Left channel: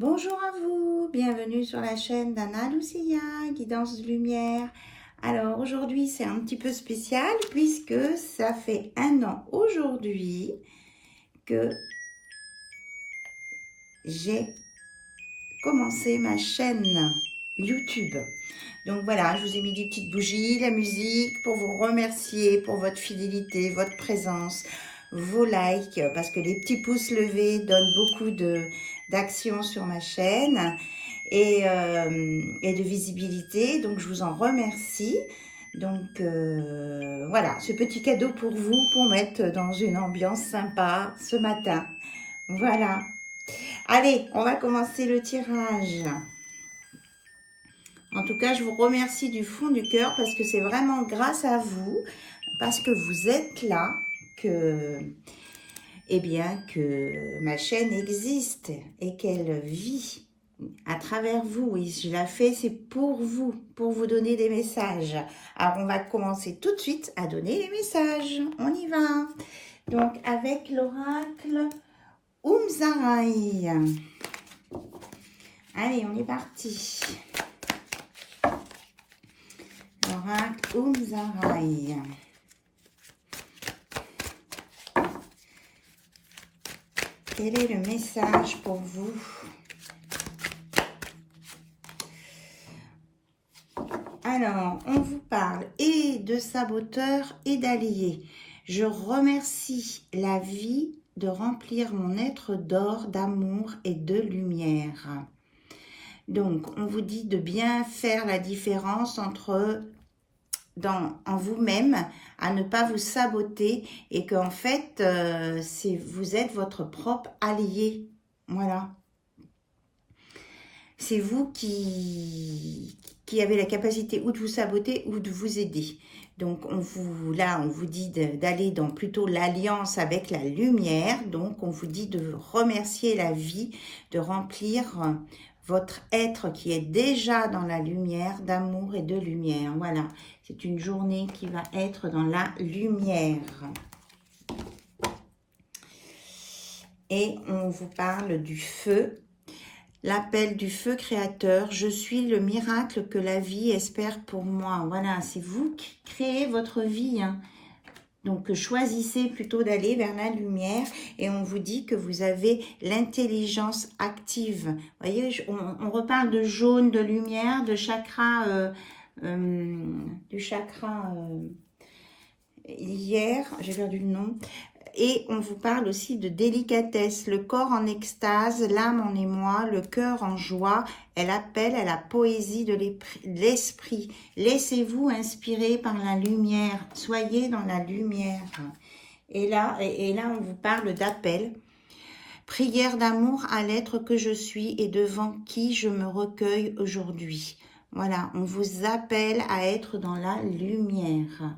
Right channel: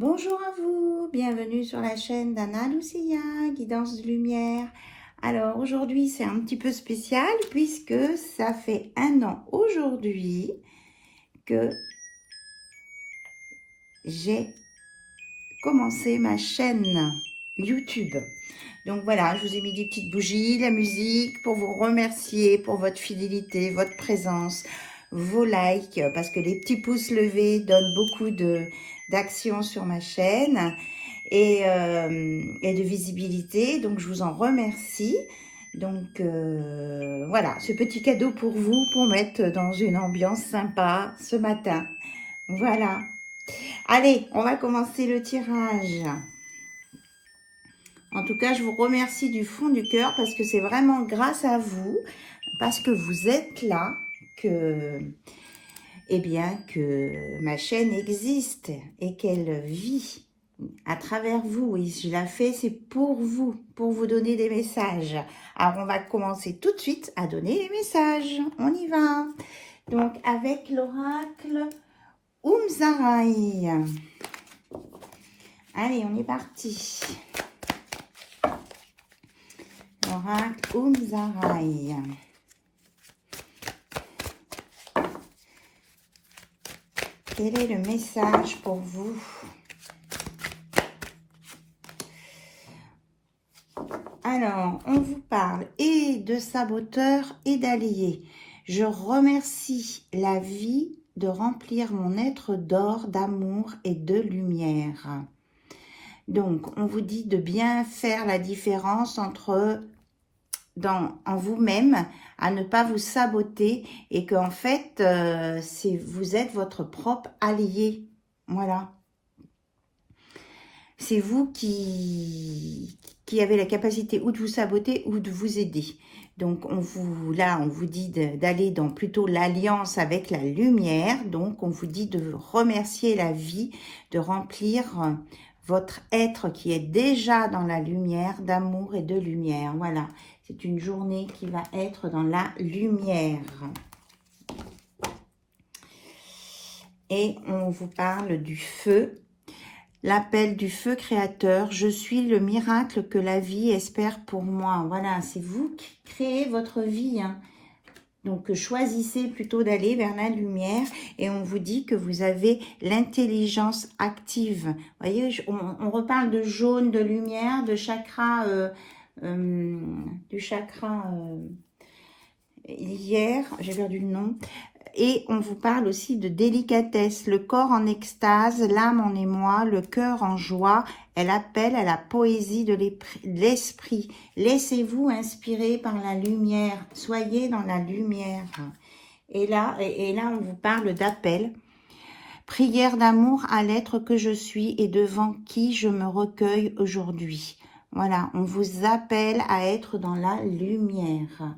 Bonjour à vous, bienvenue sur la chaîne d'Anna Lucia, Guidance de Lumière. Alors aujourd'hui c'est un petit peu spécial puisque ça fait 1 an aujourd'hui que j'ai commencé ma chaîne YouTube. Donc voilà, je vous ai mis des petites bougies, la musique pour vous remercier pour votre fidélité, votre présence, vos likes, parce que les petits pouces levés donnent beaucoup d'action sur ma chaîne et de visibilité. Donc, je vous en remercie. Donc, voilà, ce petit cadeau pour vous, pour mettre dans une ambiance sympa ce matin. Voilà. Allez, on va commencer le tirage. En tout cas, je vous remercie du fond du cœur parce que c'est vraiment grâce à vous, parce que vous êtes là, que, eh bien, que ma chaîne existe et qu'elle vit à travers vous. Et je la fais, c'est pour vous donner des messages. Alors, on va commencer tout de suite à donner les messages. On y va. Donc, avec l'oracle Umzarai. Allez, on est parti. L'oracle Umzarai. Quel est le message pour vous? Alors, on vous parle et de saboteur et d'allié. Je remercie la vie de remplir mon être d'or, d'amour et de lumière. Donc, on vous dit de bien faire la différence entre en vous-même, à ne pas vous saboter et qu'en fait, vous êtes votre propre allié. Voilà. C'est vous qui avez la capacité ou de vous saboter ou de vous aider. Donc, on vous dit d'aller dans plutôt l'alliance avec la lumière. Donc, on vous dit de remercier la vie, de remplir votre être qui est déjà dans la lumière, d'amour et de lumière. Voilà, c'est une journée qui va être dans la lumière. Et on vous parle du feu. L'appel du feu créateur, je suis le miracle que la vie espère pour moi. Voilà, c'est vous qui créez votre vie. Hein. Donc, choisissez plutôt d'aller vers la lumière et on vous dit que vous avez l'intelligence active. Vous voyez, on reparle de jaune, de lumière, de chakra, du chakra hier, j'ai perdu le nom. Et on vous parle aussi de délicatesse, le corps en extase, l'âme en émoi, le cœur en joie. Elle appelle à la poésie de l'esprit. Laissez-vous inspirer par la lumière. Soyez dans la lumière. Et là, on vous parle d'appel. Prière d'amour à l'être que je suis et devant qui je me recueille aujourd'hui. Voilà, on vous appelle à être dans la lumière.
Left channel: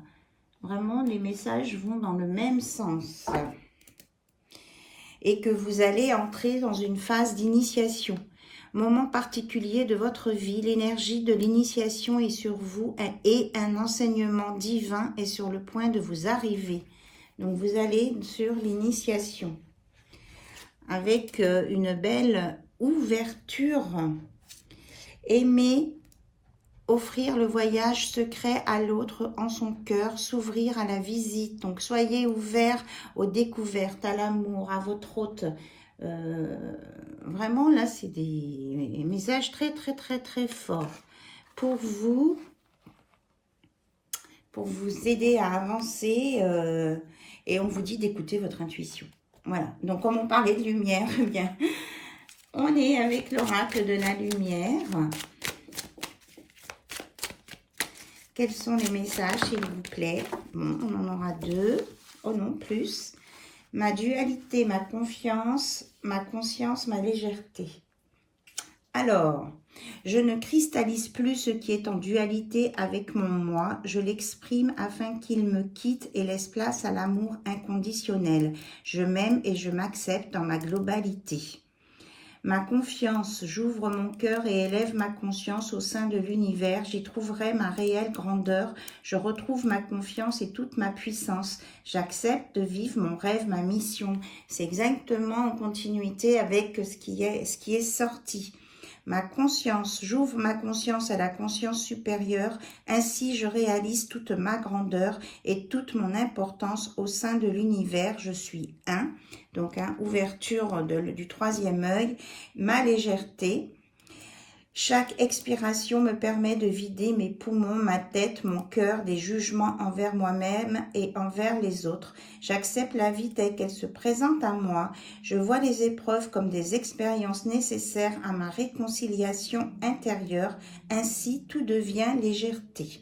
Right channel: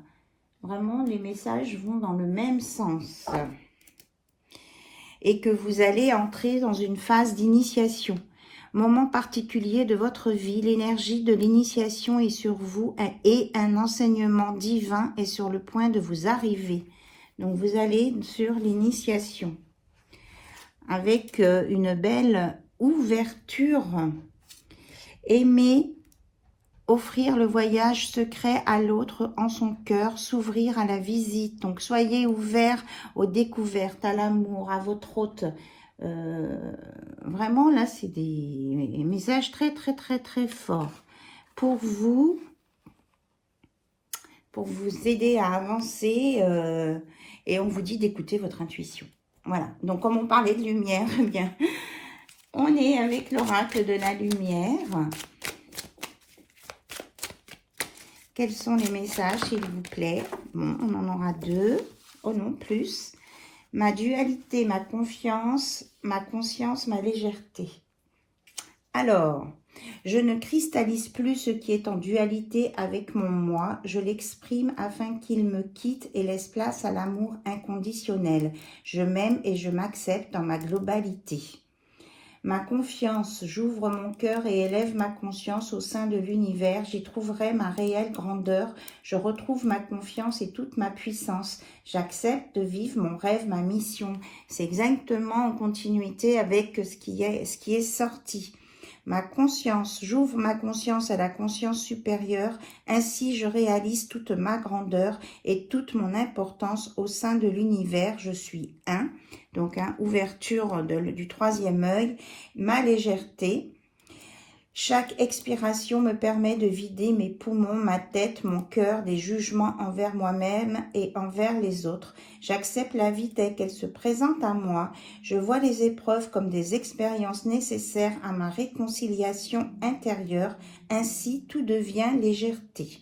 Vraiment, les messages vont dans le même sens. Et que vous allez entrer dans une phase d'initiation. Moment particulier de votre vie, l'énergie de l'initiation est sur vous et un enseignement divin est sur le point de vous arriver. Donc, vous allez sur l'initiation. Avec une belle ouverture. Aimer. Offrir le voyage secret à l'autre en son cœur, s'ouvrir à la visite. Donc, soyez ouverts aux découvertes, à l'amour, à votre hôte. Vraiment, là, c'est des messages très, très, très, très forts pour vous aider à avancer. Et on vous dit d'écouter votre intuition. Voilà. Donc, comme on parlait de lumière, eh bien, on est avec l'oracle de la lumière. Quels sont les messages, s'il vous plaît? Bon, on en aura 2. Oh non, plus. Ma dualité, ma confiance, ma conscience, ma légèreté. Alors, je ne cristallise plus ce qui est en dualité avec mon moi. Je l'exprime afin qu'il me quitte et laisse place à l'amour inconditionnel. Je m'aime et je m'accepte dans ma globalité. Ma confiance, j'ouvre mon cœur et élève ma conscience au sein de l'univers. J'y trouverai ma réelle grandeur. Je retrouve ma confiance et toute ma puissance. J'accepte de vivre mon rêve, ma mission. C'est exactement en continuité avec ce qui est sorti. Ma conscience, j'ouvre ma conscience à la conscience supérieure. Ainsi, je réalise toute ma grandeur et toute mon importance au sein de l'univers. Je suis un. Donc, ouverture du troisième œil, ma légèreté. Chaque expiration me permet de vider mes poumons, ma tête, mon cœur des jugements envers moi-même et envers les autres. J'accepte la vie telle qu'elle se présente à moi. Je vois les épreuves comme des expériences nécessaires à ma réconciliation intérieure. Ainsi, tout devient légèreté.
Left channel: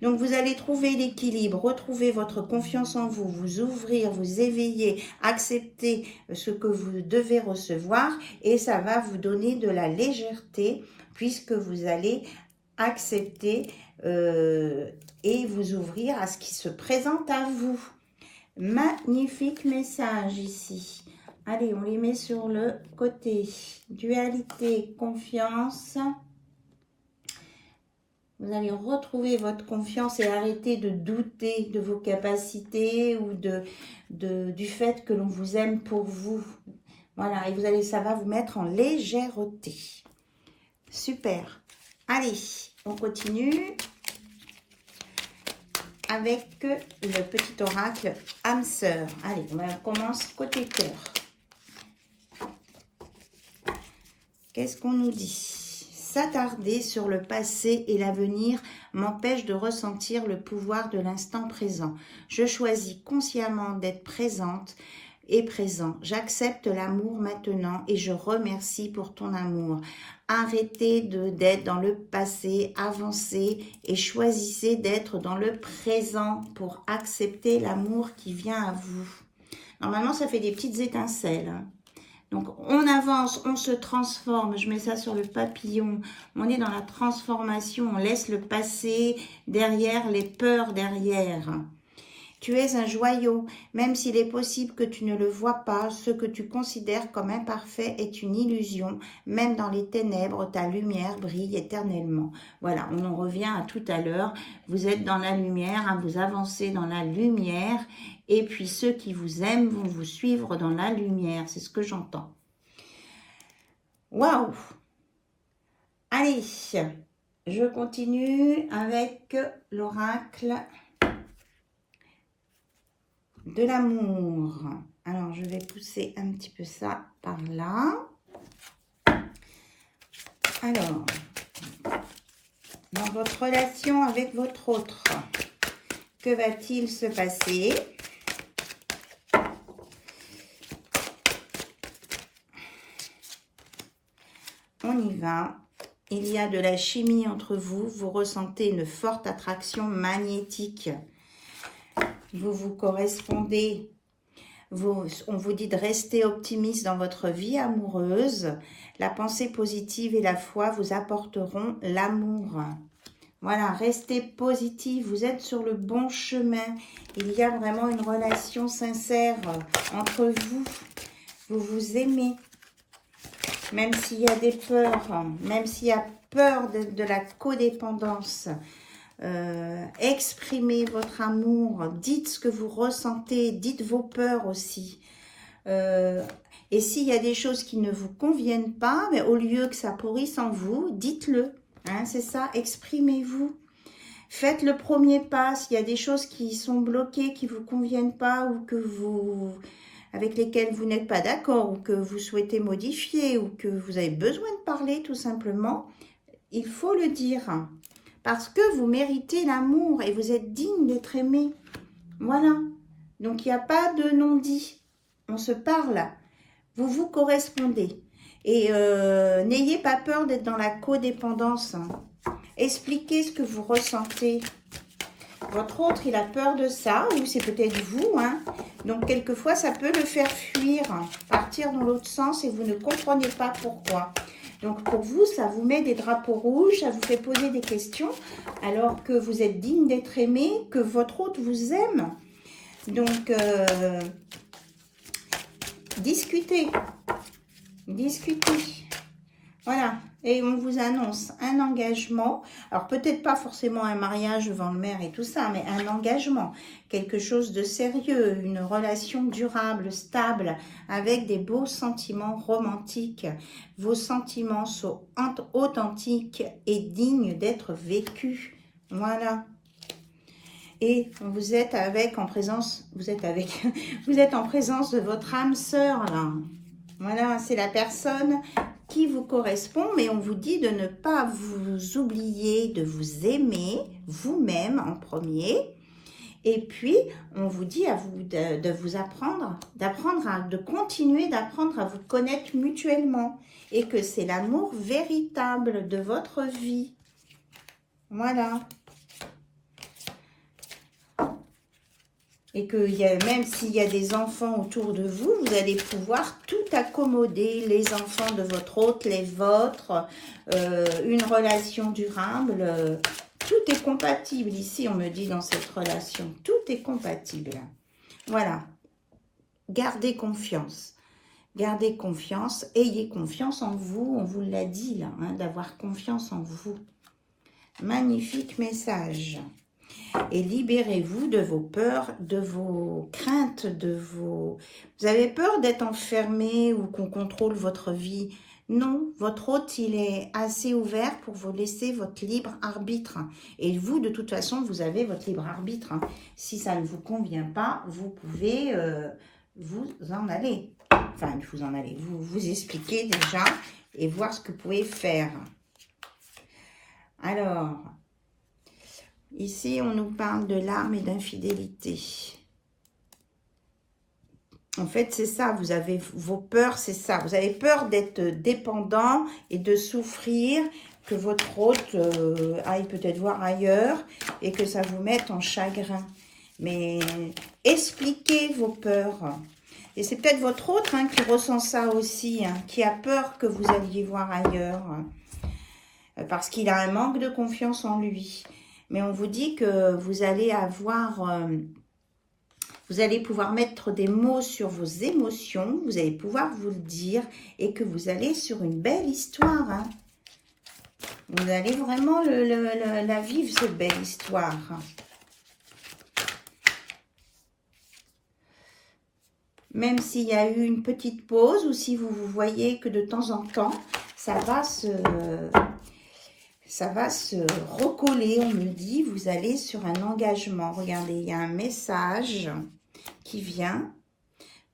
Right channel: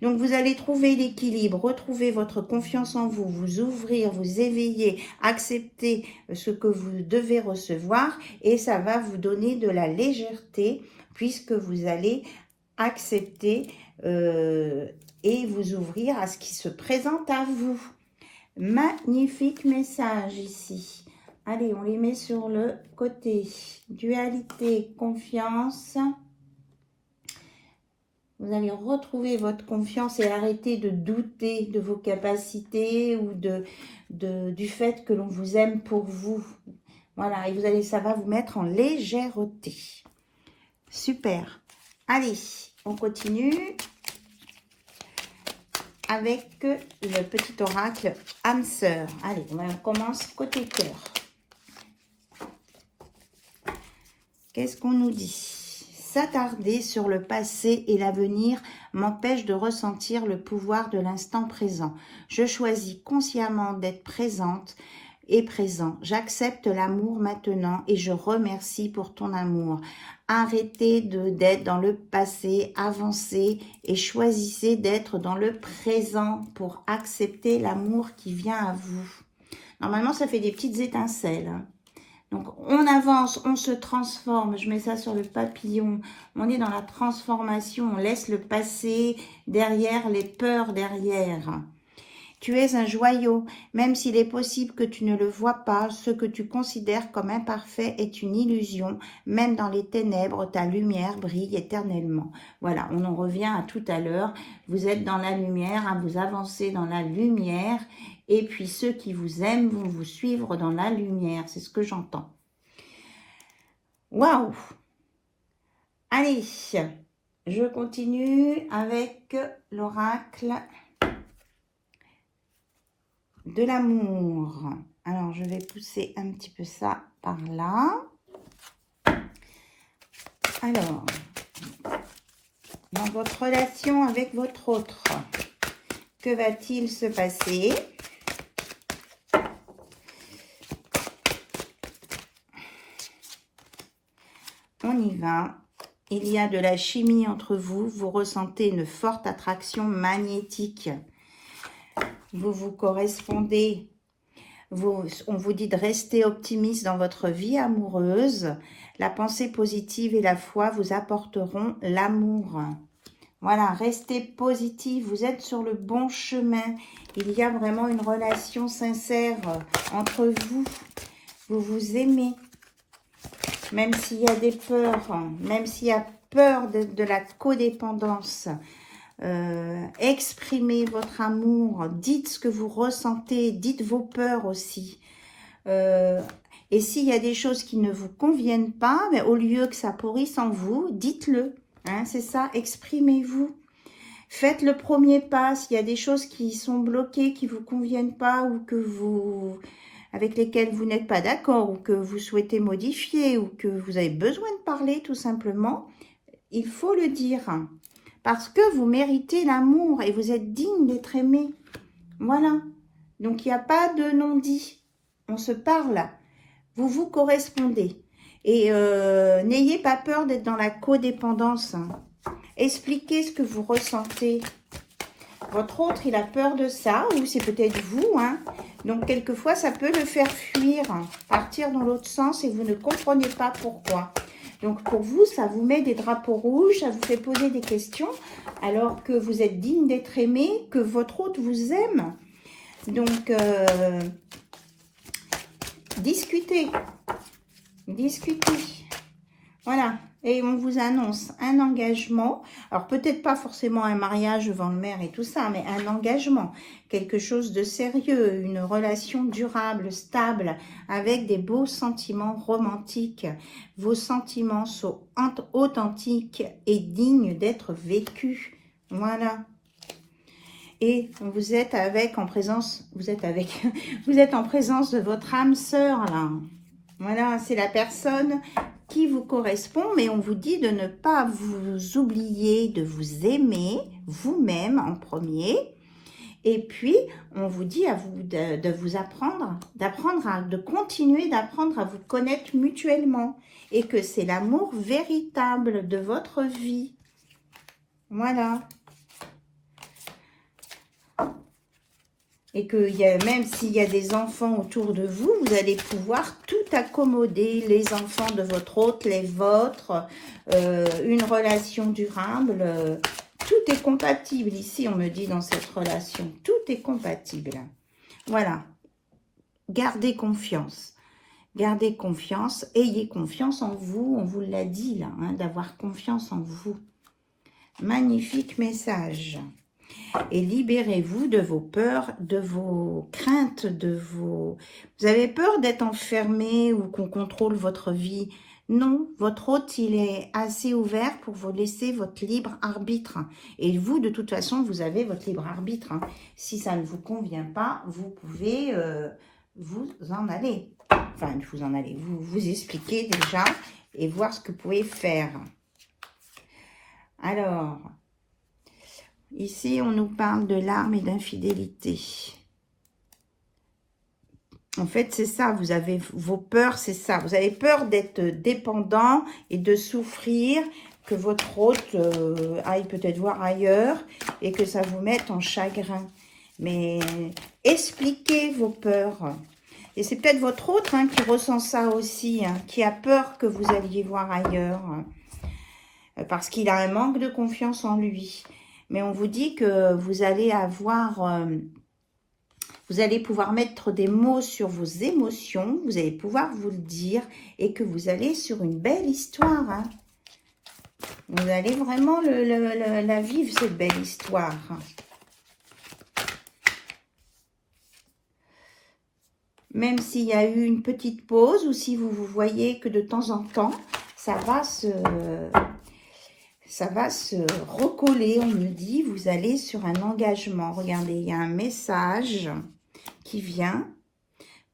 Donc, vous allez trouver l'équilibre, retrouver votre confiance en vous, vous ouvrir, vous éveiller, accepter ce que vous devez recevoir et ça va vous donner de la légèreté puisque vous allez accepter et vous ouvrir à ce qui se présente à vous. Magnifique message ici. Allez, on les met sur le côté. Dualité, confiance. Vous allez retrouver votre confiance et arrêter de douter de vos capacités ou du fait que l'on vous aime pour vous. Voilà, et ça va vous mettre en légèreté. Super. Allez, on continue avec le petit oracle âme sœur. Allez, on commence côté cœur. Qu'est-ce qu'on nous dit ? S'attarder sur le passé et l'avenir m'empêche de ressentir le pouvoir de l'instant présent. Je choisis consciemment d'être présente et présent. J'accepte l'amour maintenant et je remercie pour ton amour. Arrêtez d'être dans le passé, avancez et choisissez d'être dans le présent pour accepter l'amour qui vient à vous. Normalement, ça fait des petites étincelles, hein. Donc, on avance, on se transforme. Je mets ça sur le papillon. On est dans la transformation. On laisse le passé derrière, les peurs derrière. Tu es un joyau. Même s'il est possible que tu ne le vois pas, ce que tu considères comme imparfait est une illusion. Même dans les ténèbres, ta lumière brille éternellement. Voilà, on en revient à tout à l'heure. Vous êtes dans la lumière, hein, vous avancez dans la lumière. Et puis ceux qui vous aiment vont vous suivre dans la lumière. C'est ce que j'entends. Waouh! Allez, je continue avec l'oracle de l'amour. Alors, je vais pousser un petit peu ça par là. Alors, dans votre relation avec votre autre, que va-t-il se passer ? On y va. Il y a de la chimie entre vous. Vous ressentez une forte attraction magnétique. Vous vous correspondez. On vous dit de rester optimiste dans votre vie amoureuse. La pensée positive et la foi vous apporteront l'amour. Voilà, restez positif. Vous êtes sur le bon chemin. Il y a vraiment une relation sincère entre vous. Vous vous aimez. Même s'il y a des peurs, même s'il y a peur de la codépendance, exprimez votre amour, dites ce que vous ressentez, dites vos peurs aussi. Et s'il y a des choses qui ne vous conviennent pas, mais au lieu que ça pourrisse en vous, dites-le. Hein, c'est ça, exprimez-vous. Faites le premier pas. S'il y a des choses qui sont bloquées, qui ne vous conviennent pas ou avec lesquelles vous n'êtes pas d'accord ou que vous souhaitez modifier ou que vous avez besoin de parler tout simplement, il faut le dire. Parce que vous méritez l'amour et vous êtes digne d'être aimé. Voilà. Donc, il n'y a pas de non-dit. On se parle. Vous vous correspondez. Et n'ayez pas peur d'être dans la codépendance. Expliquez ce que vous ressentez. Votre autre, il a peur de ça, ou c'est peut-être vous, hein. Donc, quelquefois, ça peut le faire fuir, partir dans l'autre sens et vous ne comprenez pas pourquoi. Donc, pour vous, ça vous met des drapeaux rouges, ça vous fait poser des questions, alors que vous êtes digne d'être aimé, que votre autre vous aime. Donc, discutez. discuter. Voilà. Et on vous annonce un engagement. Alors, peut-être pas forcément un mariage devant le maire et tout ça, mais un engagement. Quelque chose de sérieux, une relation durable, stable, avec des beaux sentiments romantiques. Vos sentiments sont authentiques et dignes d'être vécus. Voilà. Et vous êtes en présence de votre âme sœur, là. Voilà, c'est la personne qui vous correspond, mais on vous dit de ne pas vous oublier, de vous aimer vous-même en premier. Et puis, on vous dit à vous de vous apprendre, de continuer d'apprendre à vous connaître mutuellement. Et que c'est l'amour véritable de votre vie. Voilà. Et que même s'il y a des enfants autour de vous, vous allez pouvoir tout accommoder, les enfants de votre hôte, les vôtres, une relation durable, tout est compatible ici, on me dit dans cette relation, tout est compatible. Voilà, gardez confiance, ayez confiance en vous, on vous l'a dit là, hein, d'avoir confiance en vous. Magnifique message. Et libérez-vous de vos peurs, de vos craintes, Vous avez peur d'être enfermé ou qu'on contrôle votre vie? Non, votre hôte, il est assez ouvert pour vous laisser votre libre arbitre. Et vous, de toute façon, vous avez votre libre arbitre. Hein. Si ça ne vous convient pas, vous pouvez vous en aller. Enfin, vous en aller, vous expliquer déjà et voir ce que vous pouvez faire. Alors... Ici, on nous parle de larmes et d'infidélité. En fait, c'est ça, vous avez vos peurs, c'est ça. Vous avez peur d'être dépendant et de souffrir, que votre hôte aille peut-être voir ailleurs et que ça vous mette en chagrin. Mais expliquez vos peurs. Et c'est peut-être votre hôte hein, qui ressent ça aussi, hein, qui a peur que vous alliez voir ailleurs. Parce qu'il a un manque de confiance en lui. Mais on vous dit que vous allez vous allez pouvoir mettre des mots sur vos émotions, vous allez pouvoir vous le dire et que vous allez sur une belle histoire. Hein. Vous allez vraiment la vivre, cette belle histoire. Même s'il y a eu une petite pause ou si vous voyez que de temps en temps, ça va se recoller, on me dit, vous allez sur un engagement. Regardez, il y a un message qui vient.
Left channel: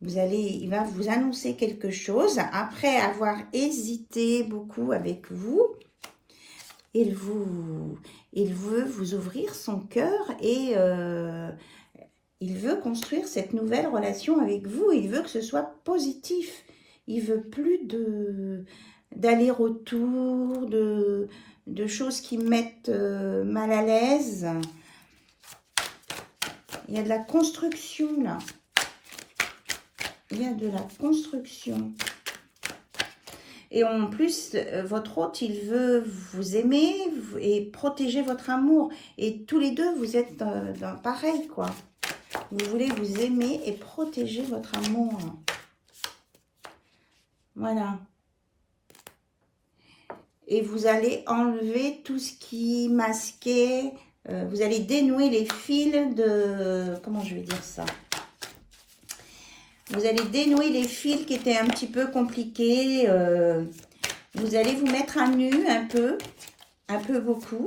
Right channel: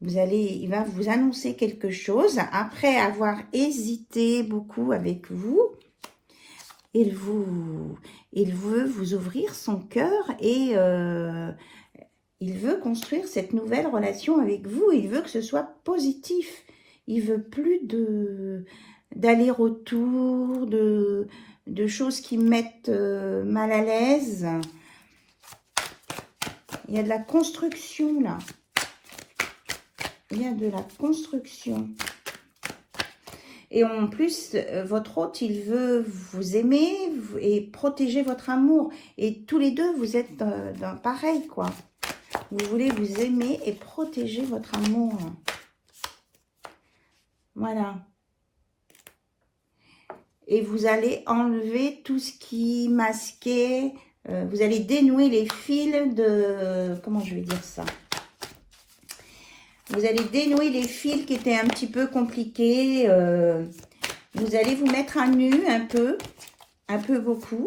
Il va vous annoncer quelque chose. Après avoir hésité beaucoup avec vous, il veut vous ouvrir son cœur et il veut construire cette nouvelle relation avec vous. Il veut que ce soit positif. Il veut plus d'aller-retour, de choses qui mettent mal à l'aise. Il y a de la construction là. Il y a de la construction. Et en plus, votre hôte, il veut vous aimer et protéger votre amour. Et tous les deux, vous êtes dans pareil, quoi. Vous voulez vous aimer et protéger votre amour. Voilà. Et vous allez enlever tout ce qui masquait, vous allez dénouer les fils de... Comment je vais dire ça? Vous allez dénouer les fils qui étaient un petit peu compliqués. Vous allez vous mettre à nu un peu beaucoup,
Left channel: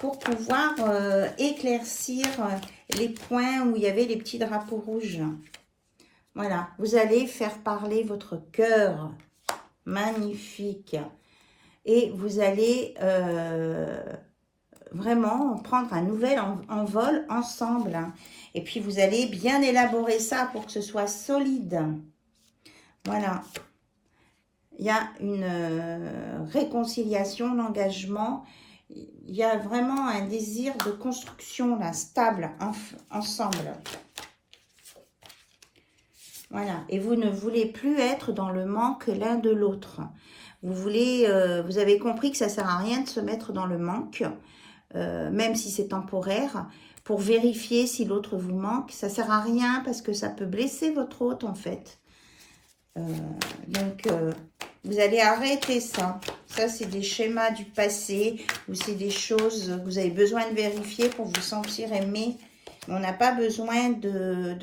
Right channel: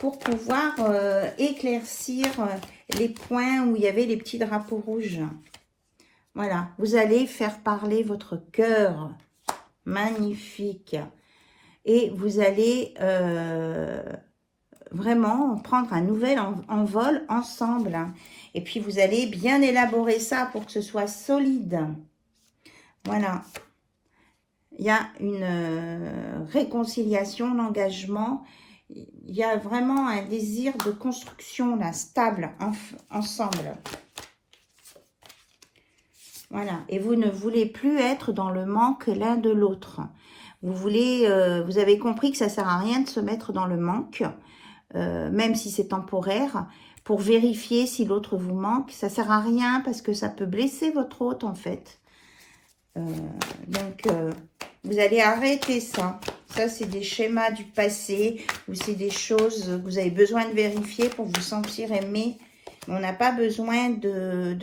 pour pouvoir éclaircir les points où il y avait les petits drapeaux rouges. Voilà, vous allez faire parler votre cœur. Magnifique. Et vous allez vraiment prendre un nouvel envol ensemble. Hein. Et puis, vous allez bien élaborer ça pour que ce soit solide. Voilà. Il y a une réconciliation, l'engagement. Il y a vraiment un désir de construction, là, stable, ensemble. Voilà. Et vous ne voulez plus être dans le manque l'un de l'autre. Vous avez compris que ça ne sert à rien de se mettre dans le manque, même si c'est temporaire, pour vérifier si l'autre vous manque. Ça ne sert à rien parce que ça peut blesser votre hôte, en fait. Donc, Vous allez arrêter ça. Ça, c'est des schémas du passé ou c'est des choses que vous avez besoin de vérifier pour vous sentir aimé. On n'a pas besoin de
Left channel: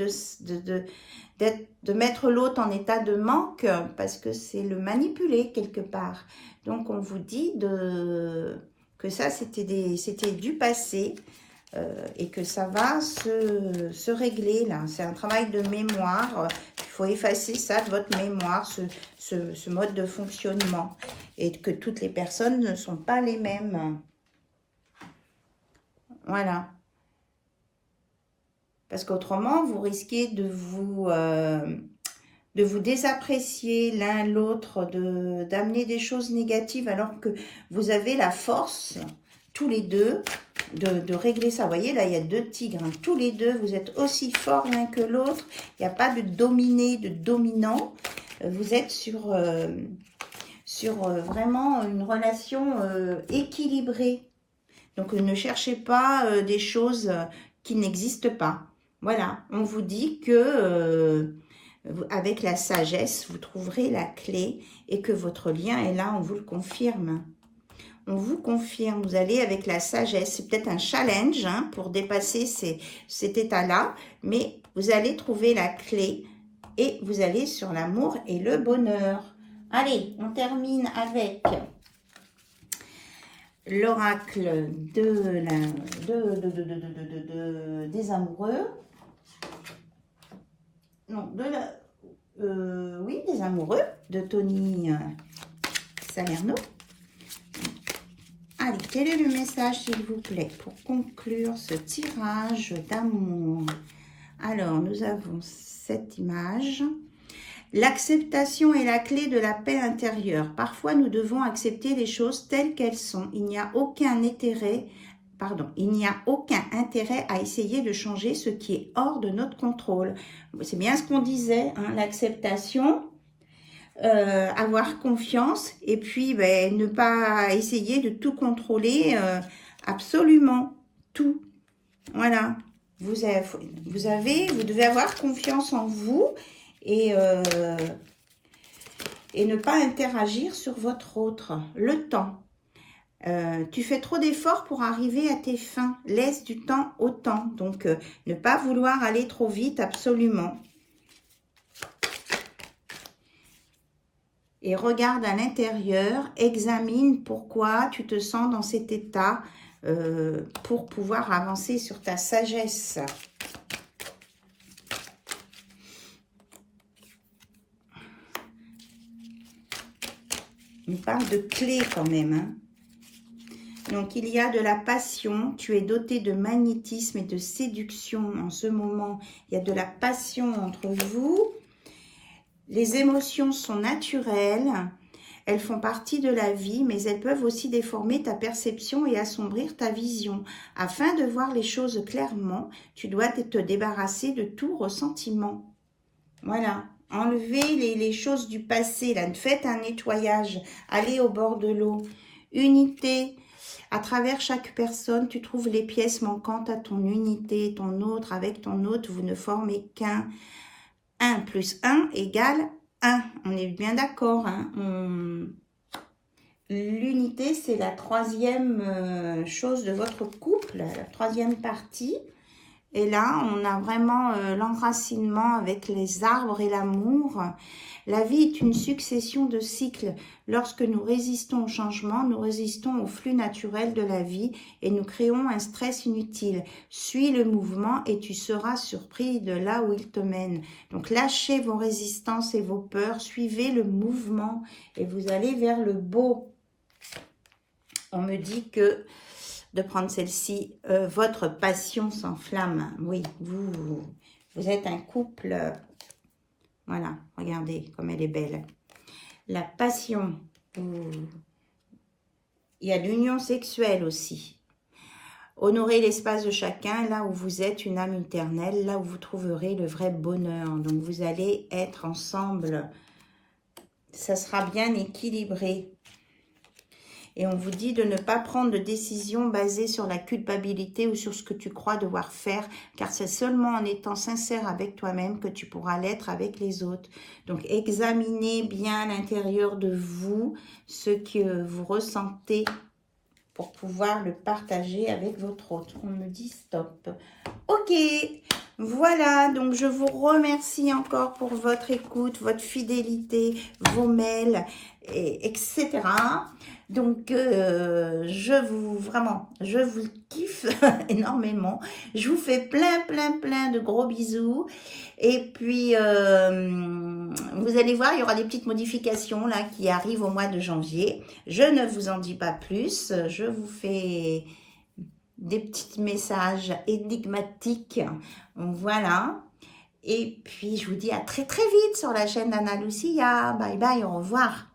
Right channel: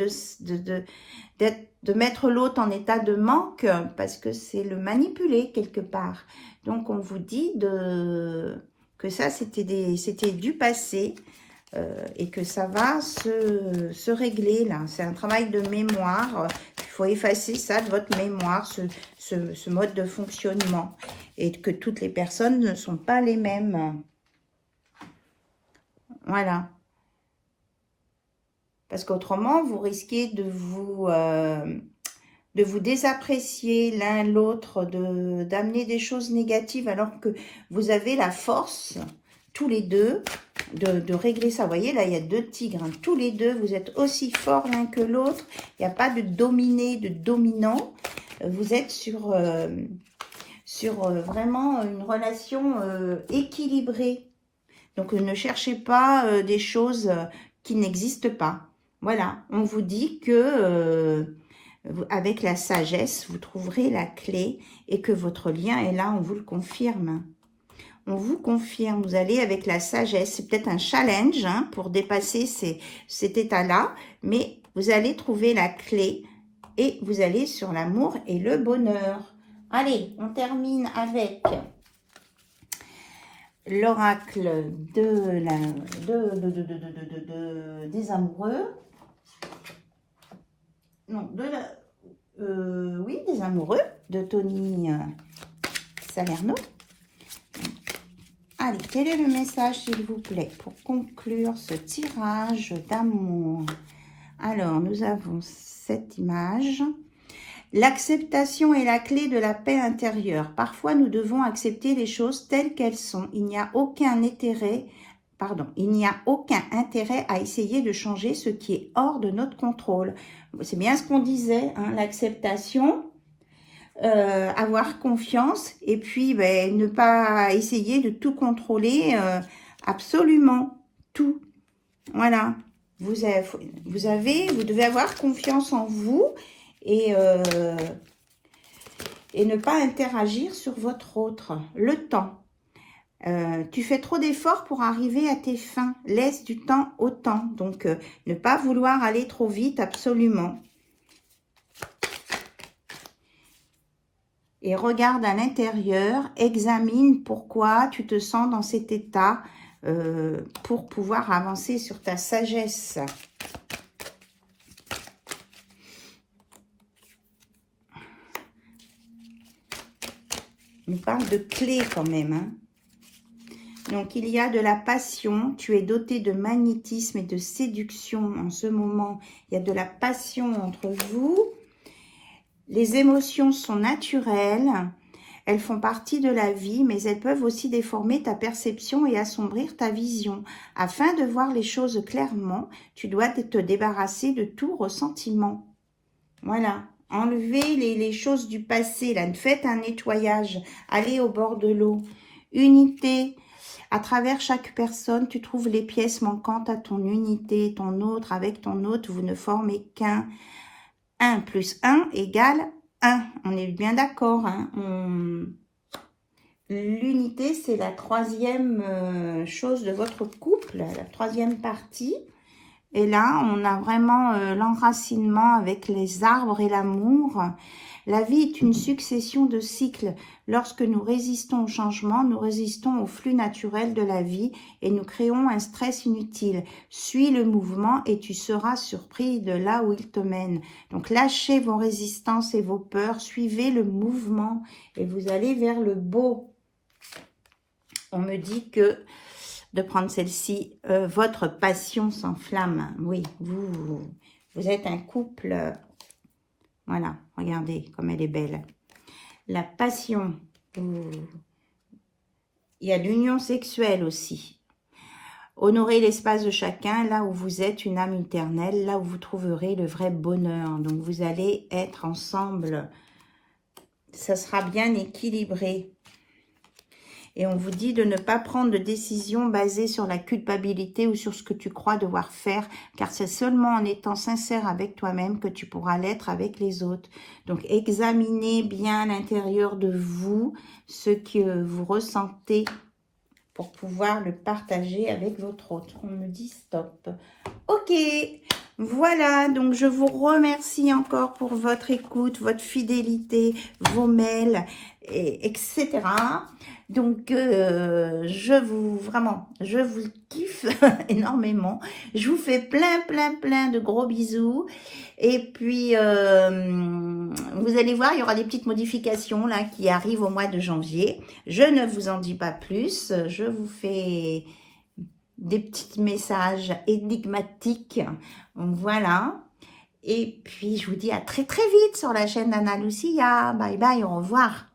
mettre l'autre en état de manque parce que c'est le manipuler quelque part. Donc, on vous dit que ça, c'était du passé et que ça va se régler là. C'est un travail de mémoire. Il faut effacer ça de votre mémoire, ce mode de fonctionnement. Et que toutes les personnes ne sont pas les mêmes. Voilà. Parce qu'autrement, vous risquez de vous désapprécier l'un l'autre, d'amener des choses négatives alors que vous avez la force, tous les deux, de régler ça. Vous voyez, là, il y a deux tigres. Hein. Tous les deux, vous êtes aussi forts l'un que l'autre. Il n'y a pas de dominé, de dominant. Vous êtes sur vraiment une relation équilibrée. Donc, ne cherchez pas des choses qui n'existent pas. Voilà, on vous dit que avec la sagesse, vous trouverez la clé et que votre lien est là, on vous le confirme. On vous confirme, vous allez avec la sagesse. C'est peut-être un challenge hein, pour dépasser cet état-là, mais vous allez trouver la clé et vous allez sur l'amour et le bonheur. Allez, on termine avec l'oracle des amoureux. Non, oui, des amoureux de Tony Salerno. Allez, quel est le message, s'il vous plaît, pour conclure ce tirage d'amour? Alors, nous avons cette image. L'acceptation est la clé de la paix intérieure. Parfois, nous devons accepter les choses telles qu'elles sont. Il n'y a aucun intérêt à essayer de changer ce qui est hors de notre contrôle. C'est bien ce qu'on disait, hein, l'acceptation, avoir confiance et puis ne pas essayer de tout contrôler, absolument tout. Voilà, vous devez avoir confiance en vous et ne pas interagir sur votre autre. Le temps. Tu fais trop d'efforts pour arriver à tes fins. Laisse du temps au temps. Donc, ne pas vouloir aller trop vite, absolument. Et regarde à l'intérieur, examine pourquoi tu te sens dans cet état pour pouvoir avancer sur ta sagesse. On parle de clés quand même, hein. Donc, il y a de la passion. Tu es doté de magnétisme et de séduction en ce moment. Il y a de la passion entre vous. Les émotions sont naturelles. Elles font partie de la vie, mais elles peuvent aussi déformer ta perception et assombrir ta vision. Afin de voir les choses clairement, tu dois te débarrasser de tout ressentiment. Voilà. Enlevez les choses du passé. Là, faites un nettoyage. Allez au bord de l'eau. Unité. À travers chaque personne, tu trouves les pièces manquantes à ton unité, ton autre. Avec ton autre, vous ne formez qu'un. 1 plus 1 égale 1. On est bien d'accord. Hein? L'unité, c'est la troisième chose de votre couple, la troisième partie. Et là, on a vraiment l'enracinement avec les arbres et l'amour. La vie est une succession de cycles. Lorsque nous résistons au changement, nous résistons au flux naturel de la vie et nous créons un stress inutile. Suis le mouvement et tu seras surpris de là où il te mène. Donc, lâchez vos résistances et vos peurs, suivez le mouvement et vous allez vers le beau. On me dit que de prendre celle-ci, votre passion s'enflamme. Oui, vous êtes un couple. Voilà, regardez comme elle est belle. La passion. Il y a l'union sexuelle aussi. Honorez l'espace de chacun, là où vous êtes une âme éternelle, là où vous trouverez le vrai bonheur. Donc, vous allez être ensemble. Ça sera bien équilibré. Et on vous dit de ne pas prendre de décision basée sur la culpabilité ou sur ce que tu crois devoir faire, car c'est seulement en étant sincère avec toi-même que tu pourras l'être avec les autres. Donc, examinez bien à l'intérieur de vous ce que vous ressentez pour pouvoir le partager avec votre autre. On me dit stop. Ok, voilà, donc je vous remercie encore pour votre écoute, votre fidélité, vos mails, etc. Donc, je vous kiffe énormément. Je vous fais plein de gros bisous. Et puis, vous allez voir, il y aura des petites modifications là qui arrivent au mois de janvier. Je ne vous en dis pas plus. Je vous fais des petits messages énigmatiques. Voilà. Et puis, je vous dis à très vite sur la chaîne d'Anna Lucia. Bye bye, au revoir.